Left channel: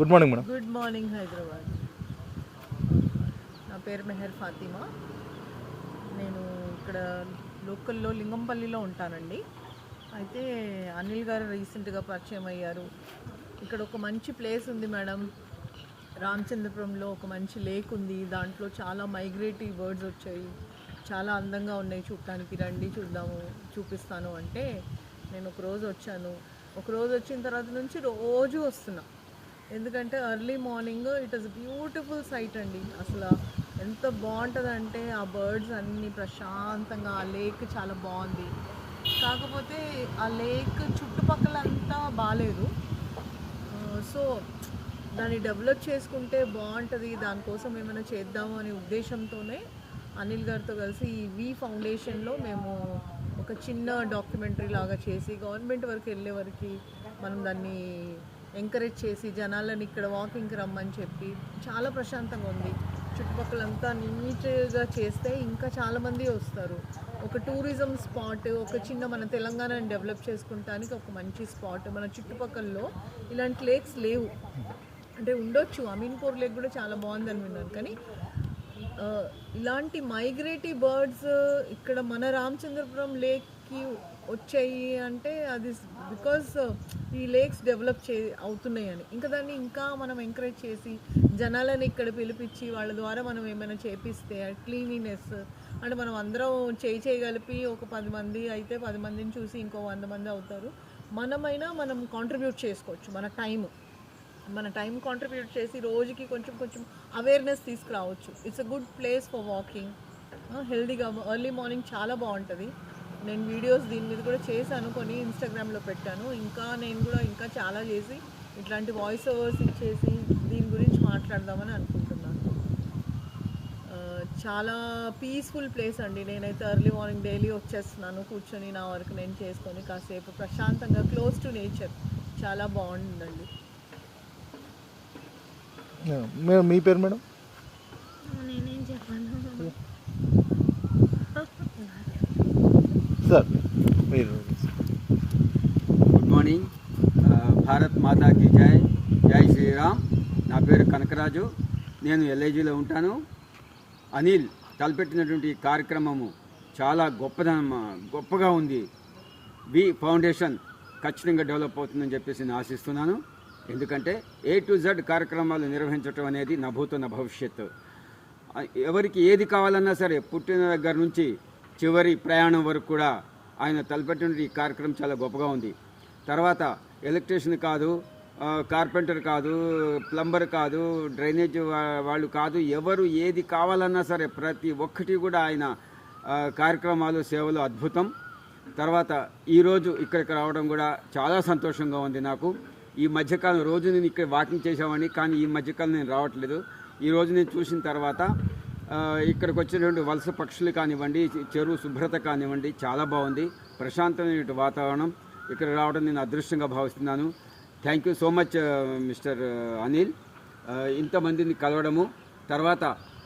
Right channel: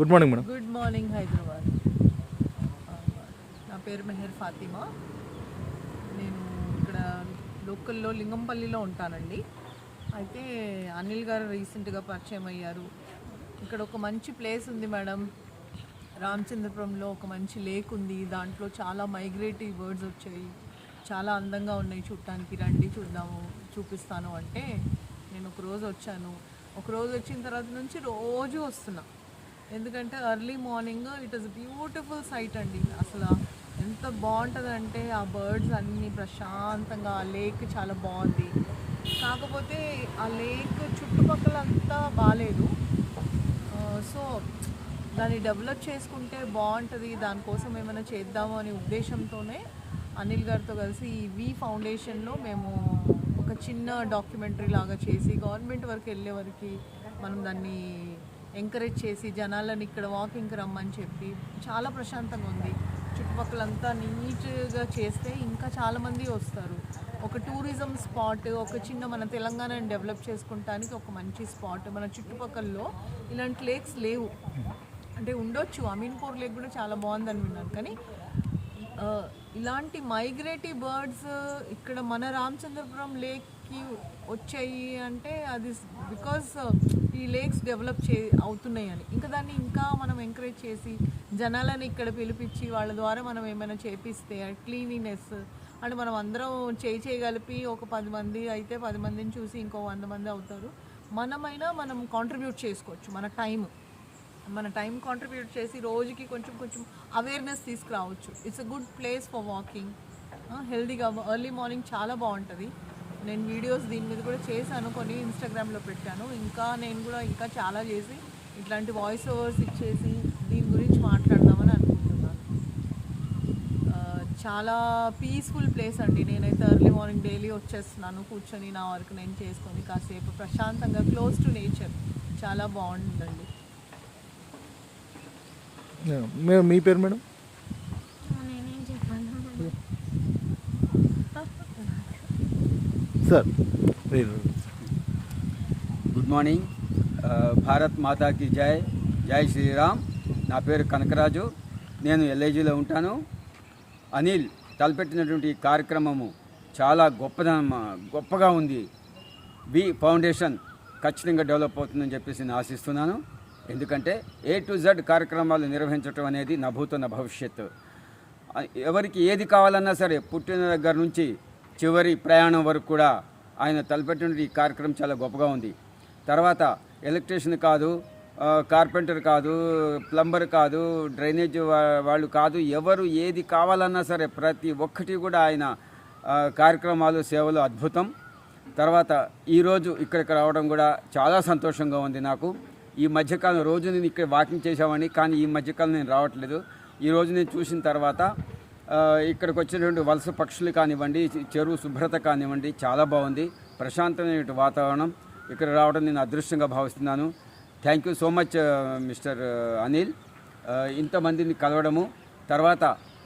Good morning madam. Good morning Hyderabad. నా పేరు మెహర్ ఫాతిమా. నేను ఇక్కడ లోకల్లో లింగంపల్లిలో ఉంటానండి. అయితే అనిల్ గారు రీసెంట్గా పరిచయం అయ్యారు. ఇక్కడ ఒక మంచి ప్లేస్ ఉంది మేడం, రామచంద్రపురంలో ఒక మంచి లేక్ ఉంది. దాంట్లో చాలా మైగ్రేటరీ బర్డ్స్ వచ్చాయి, చాలా అందంగా ఉన్నాయి చూడటానికి, రండి చూద్దాము చూపిస్తాను అంటే నేను ఒకరోజు వచ్చాను. ఒకరోజు వచ్చిన తర్వాత నుంచి రోజు వస్తున్నా. ఎందుకంటే early morning it is beautiful sight అండి. అసలు ఎంత బాగుంటుంది అంటే ఆ బర్డ్స్ అన్నీ ప్రశాంతంగా, ఆ లేక్ చాలా బాగుంది. కాకపోతే ఆ లేక్ చుట్టుపక్కల అంతా బాగాలేదు. సో దాన్ని డెవలప్ చేసుకుంటే బాగుంటుంది, దానికోసం ఏమైనా చేద్దాము అనే ఉద్దేశంతోనే అనిల్ గారితో కలిసి ఈ వి ఫౌండేషన్లో మేము ఒక చిన్న డాక్యుమెంటరీ లాగా చేసి గవర్నమెంట్ వరకు వెళ్ళే వరకు మనం దాన్ని ఎంకరేజ్ చేసి జనాలను ఇక్కడ వాకింగ్కి రమ్మని చెప్పి చాలా ప్రశాంతంగా ఉంది. చుట్టుపక్కలంతా నీట్గా చేస్తే ఇంకా చాలామంది వస్తారు. ఒక టూరిజం స్పాట్, ఒక చిన్న మన తెలంగాణని డెవలప్ చేసుకుంటానికి ఒక మంచి స్పాట్. మన చుట్టుపక్కలలో ఇలాంటి లేక్స్ లేవు, అంటే ఉండొచ్చు, అమీన్పూర్ లేక్ కూడా చాలా బాగుందని విన్నాను. కానీ ఇలాంటి మైగ్రేటరీ బర్డ్స్ ఇక్కడ మన రామచంద్రపురం లేక్కి వచ్చాయి అంటే అది బికాజ్ ఈ లేక్స్ డెవలప్ అవుతున్నాయి అని. ఇంకా దాన్ని ఇంకా మనం ఎంకరేజ్ చేసి జనాలను ఇక్కడ పిలిపించి వాళ్ళ ద్వారా మనం ఏమైనా చేపిస్తే క్లీనినెస్ అంటే మనం అందరం చేయగలిపి ఒక 10 మంది అయితే 10 మందిని చూసి ఇంకో 100 మంది అవుతారు. మనం కాంట్రిబ్యూట్ చేసుకోవచ్చు. మన టైం కాంట్రిబ్యూట్ చేసి రోజుకి కొంచెం అవేర్నెస్ తీసుకురావచ్చు. It's a good place for walking, హెల్దీగా. ఎర్లీ మార్నింగ్ చాలా బాగుంటుంది. నేను వీడియోస్ దీని మీద కూడా చేశాను, కొన్ని ఇన్స్టాగ్రామ్లో పెట్టాను. నేను కూడా ఇంకా చాలా చేసి ఇట్లాంటి వాయిస్ ఓవర్స్ ఇచ్చేసి దీని గురించి మాట్లాడదామని అనుకుంటున్నాను. చాలా పీస్ఫుల్ ప్లేస్ అండి. నేనైతే ఎర్లీ మార్నింగ్ డైలీ వచ్చేస్తున్నాను, కూర్చొని నా వర్క్ నేను చేసుకొని కాసేపు ప్రశాంతంగా క్లోజ్ టు నేచర్ చాలా బాగుంటుందండి. మీ పేరు మేడం? నేనేం చెప్పాను సార్ మీరు. గుడ్ మార్నింగ్, భారత్ మాతాకి జై, జై శ్రీరామ్. నా పేరు కనకరాజు, నేను ఎల్ఐజీలో ఉంటాను. అనిల్ తలపెట్టినటువంటి ఈ కార్యక్రమము చాలా గొప్పగా ఉంది. వి ఫౌండేషన్ ఖచ్చితంగా డెవలప్ అవుతుందని చెప్పేసి నేను ఆశిస్తున్నాను. ఎందుకంటే A to Z కార్యక్రమాలు నిర్వహించడం అనేది నా భూతో నా భవిష్యత్తు. ఎవరికి ఏది కావాలన్నా సరే పుట్టిన దగ్గర నుంచి చివరి ప్రయాణం వరకు కూడా ఆయన తలపెట్టిన ఈ కార్యక్రమం చాలా గొప్పగా ఉంది. తర్వాత ఎలక్ట్రీషియన్ కాదు, కార్పెంటర్ కాదు, ప్లంబర్ కాదు, డ్రైనేజ్ వాళ్ళు కాదు, ఎవరు ఏది కావాలన్నా సరే ప్రతి ఒక్కటి కూడా ఆయన కార్యక్రమాలు, సేవలు అద్భుతం. తర్వాత ఈరోజు ఇక్కడికి రావడం కూడా చాలా సంతోషంగా ఉంది నాకు. ఈ మధ్యకాలం రోజు నేను ఇక్కడ వాకింగ్ చేసామని, కానీ ఈ మధ్యకాలం నేను రావట్లేదు. ఈరోజు నేను చూసిన తర్వాత ఇక్కడికి వచ్చినటువంటి వలస పక్షులు కానివ్వండి, చెరువు శుభ్రత కానివ్వండి, చాలా బాగుంది. ప్రశాంతమైన వాతావరణం. ఇక్కడ రావడం నేను అదృష్టంగా భావిస్తున్నాను. Thank you so much mister Anil. ఇంతమందిని కలవడము, తర్వాత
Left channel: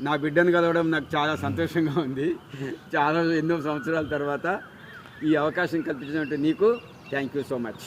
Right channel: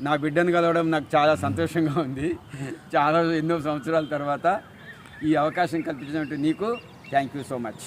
నా బిడ్డను కలవడం నాకు చాలా సంతోషంగా ఉంది. ఎన్నో సంవత్సరాల తర్వాత ఈ అవకాశం కల్పించినట్టు నీకు థ్యాంక్ యూ సో మచ్.